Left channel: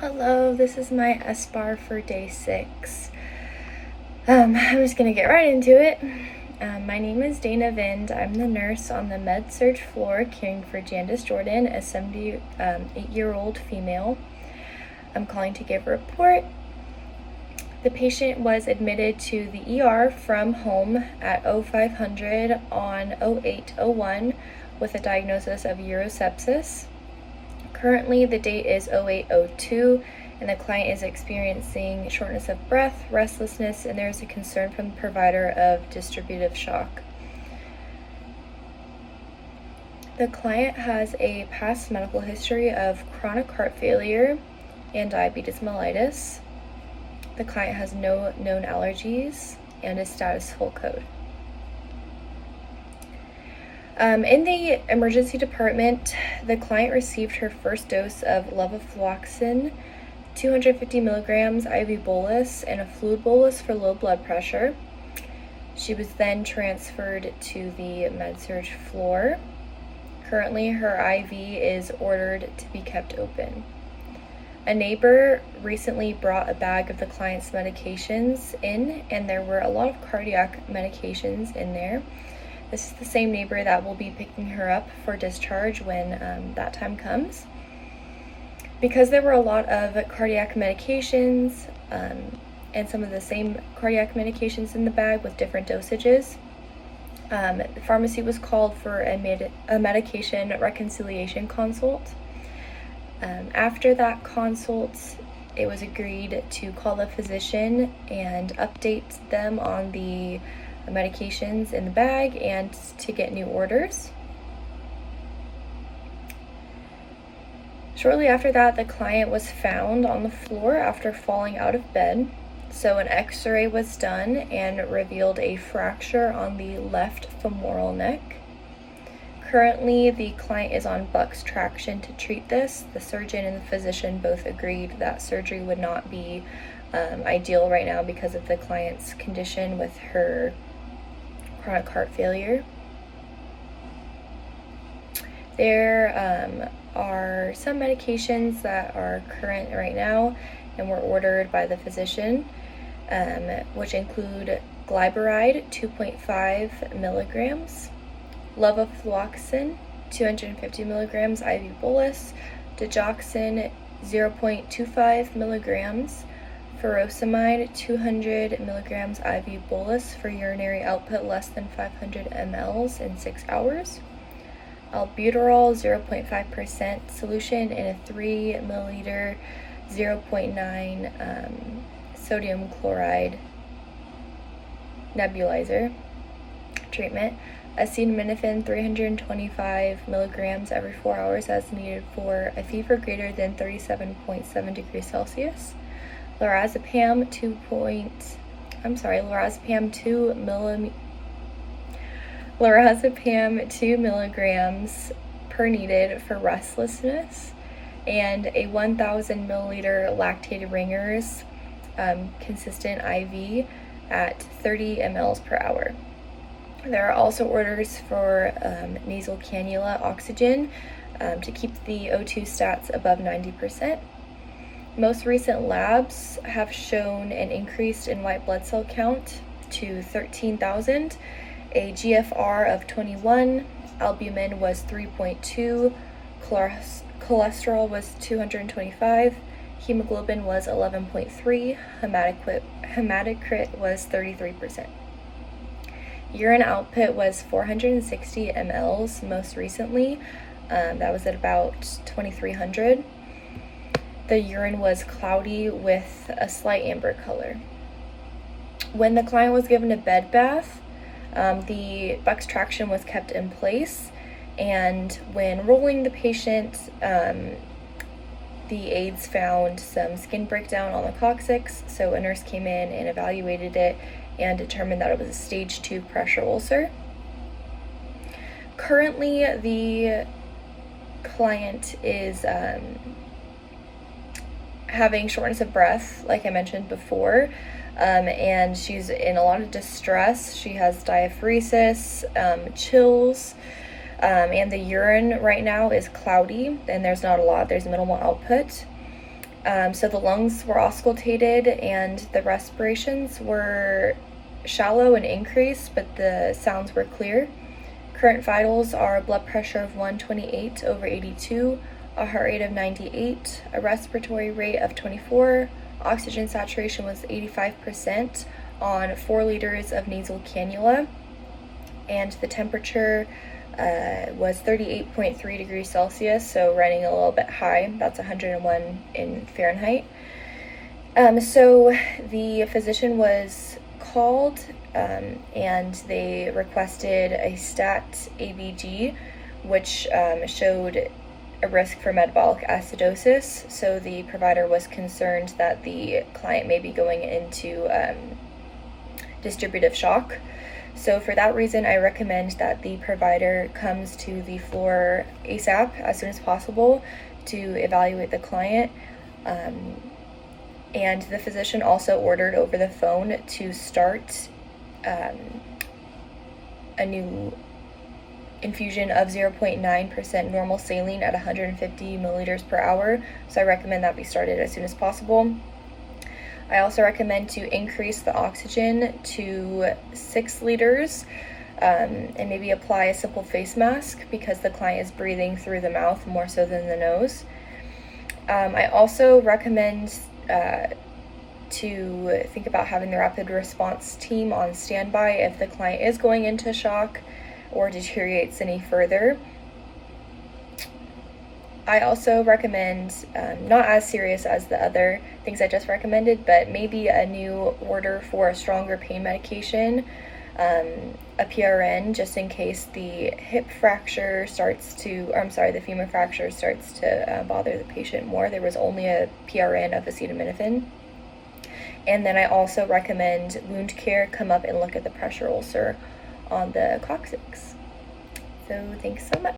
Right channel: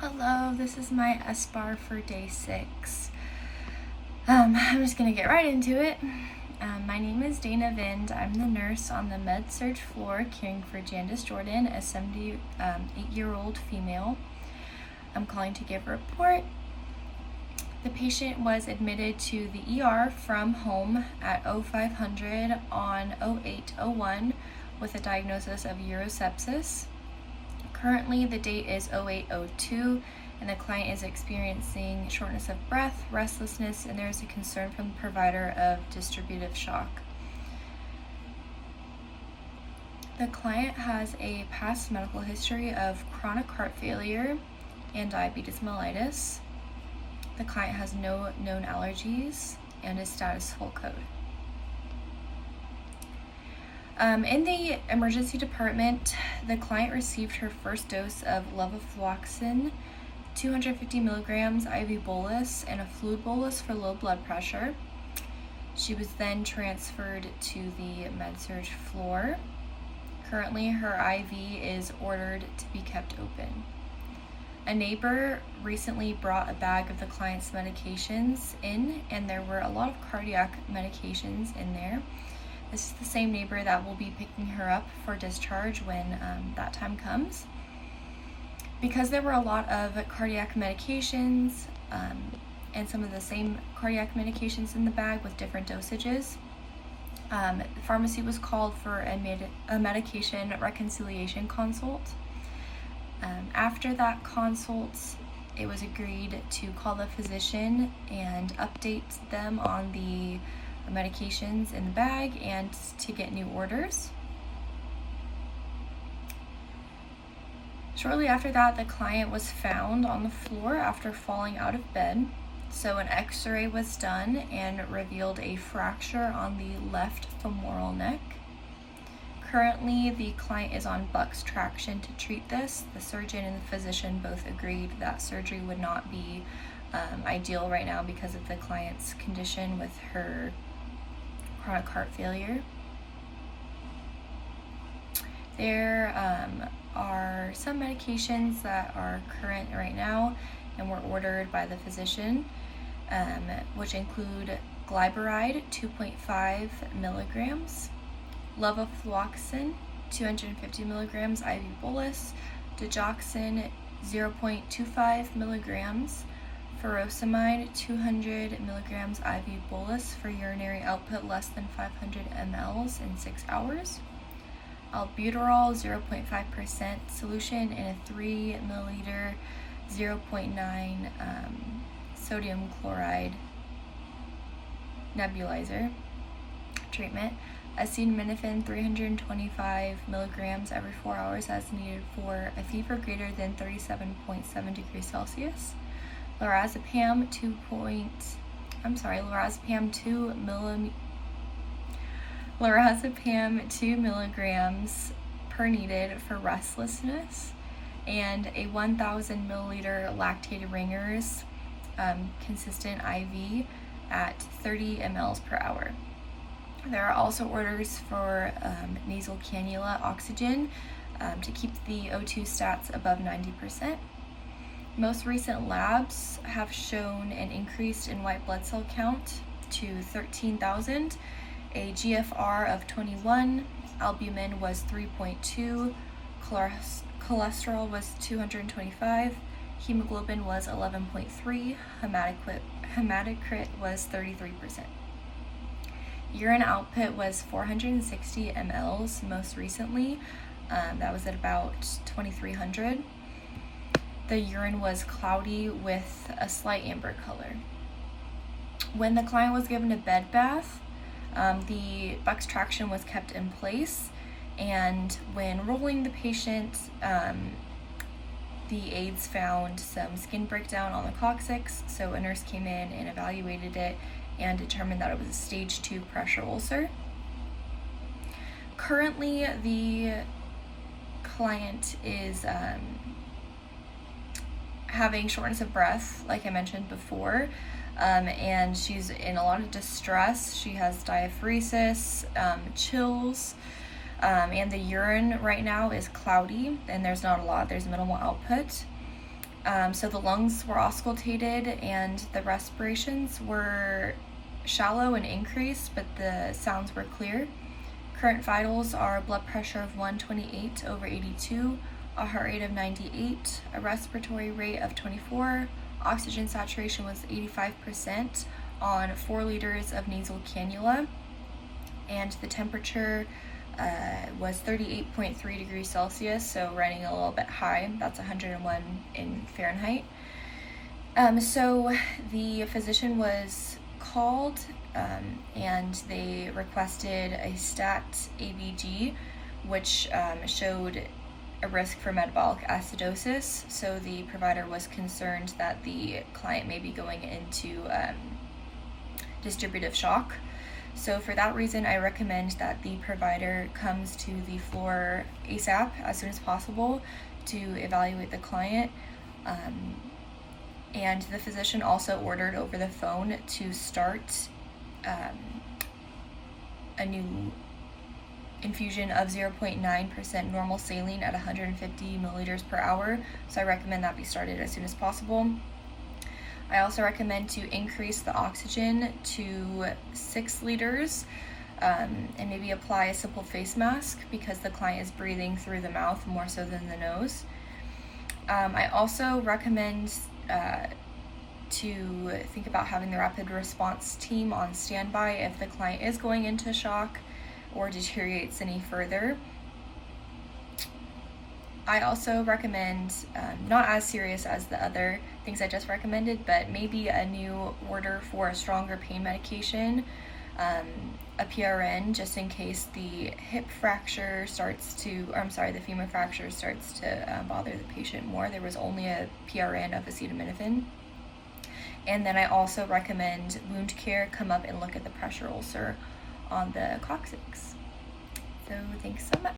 Hello, this is my SBAR for day 6. I'm just going to get right into it. My name is Dana Vind. I'm the nurse on the med-surg floor caring for Jandis Jordan, a 78-year-old female. I'm calling to give a report. The patient was admitted to the ER from home at 0500 on 0801 with a diagnosis of urosepsis. Currently, the date is 0802, and the client is experiencing shortness of breath, restlessness, and there is a concern from the provider of distributive shock. The client has a past medical history of chronic heart failure and diabetes mellitus. The client has no known allergies and is status full code. In the emergency department, the client received her first dose of levofloxacin, 250 milligrams IV bolus, and a fluid bolus for low blood pressure. She was then transferred to the med-surg floor. Currently, her IV is ordered to be kept open. A neighbor recently brought a bag of the client's medications in, and there were a lot of cardiac medications in there. This is the same neighbor that will be picking her up for discharge when that time comes. Because there were a lot of cardiac medications and some of the same cardiac medications in the bag with different dosages, the pharmacy was called for a medication reconciliation consult. After that consult, it was agreed to call the physician and update them on the medications in the bag and to get new orders. Shortly after that, the client was found on the floor after falling out of bed. So an x-ray was done and revealed a fracture on the left femoral neck. Currently, the client is on Buck's traction to treat this. The surgeon and the physician both agreed that surgery would not be ideal right now because of the client's condition with her chronic heart failure. There are some medications that are current right now and were ordered by the physician, which include glyburide 2.5 milligrams, levofloxacin 250 milligrams IV bolus, digoxin 0.25 milligrams, furosemide 200 milligrams IV bolus for urinary output less than 500 mLs in 6 hours, albuterol 0.5% solution in a 3 milliliter 0.9 sodium chloride nebulizer treatment, acetaminophen 325 milligrams every 4 hours as needed for a fever greater than 37.7 degrees Celsius, lorazepam 2 milligrams per needed for restlessness, and a 1,000 milliliter lactated ringers consistent IV at 30 mLs per hour. There are also orders for nasal cannula oxygen to keep the O2 stats above 90%. Most recent labs have shown an increase in white blood cell count to 13,000, a GFR of 21, albumin was 3.2, cholesterol was 225, hemoglobin was 11.3, hematocrit was 33%. Urine output was 460 mLs most recently. That was at about 2,300. The urine was cloudy with a slight amber color. When the client was given a bed bath, the Buck's traction was kept in place, and when rolling the patient, the aides found some skin breakdown on the coccyx, so a nurse came in and evaluated it and determined that it was a stage 2 pressure ulcer. Currently, the client is having shortness of breath, like I mentioned before, and she's in a lot of distress. She has diaphoresis, chills, and the urine right now is cloudy, and there's not a lot, there's minimal output. So the lungs were auscultated and the respirations were shallow and increased, but the sounds were clear. Current vitals are a blood pressure of 128/82, a heart rate of 98, a respiratory rate of 24, oxygen saturation was 85% on 4 liters of nasal cannula, and the temperature was 38.3 degrees Celsius, so running a little bit high. That's 101 in Fahrenheit. So the physician was called and they requested a stat ABG, which showed a risk for metabolic acidosis. So the provider was concerned that the client may be going into distributive shock. So for that reason, I recommend that the provider comes to the floor ASAP, as soon as possible, to evaluate the client. And the physician also ordered over the phone to start a new infusion of 0.9% normal saline at 150 milliliters per hour. So I recommend that be started as soon as possible. I also recommend to increase the oxygen to 6 liters and maybe apply a simple face mask because the client is breathing through the mouth more so than the nose. I also recommend to think about having the rapid response team on standby if the client is going into shock or deteriorates any further. I also recommend, not as serious as the other things I just recommended, but maybe a new order for a stronger pain medication, a PRN, just in case the hip fracture starts to, or I'm sorry, the femur fracture starts to bother the patient more. There was only a PRN of acetaminophen. And then I also recommend wound care come up and look at the pressure ulcer on the coccyx. So thanks so much.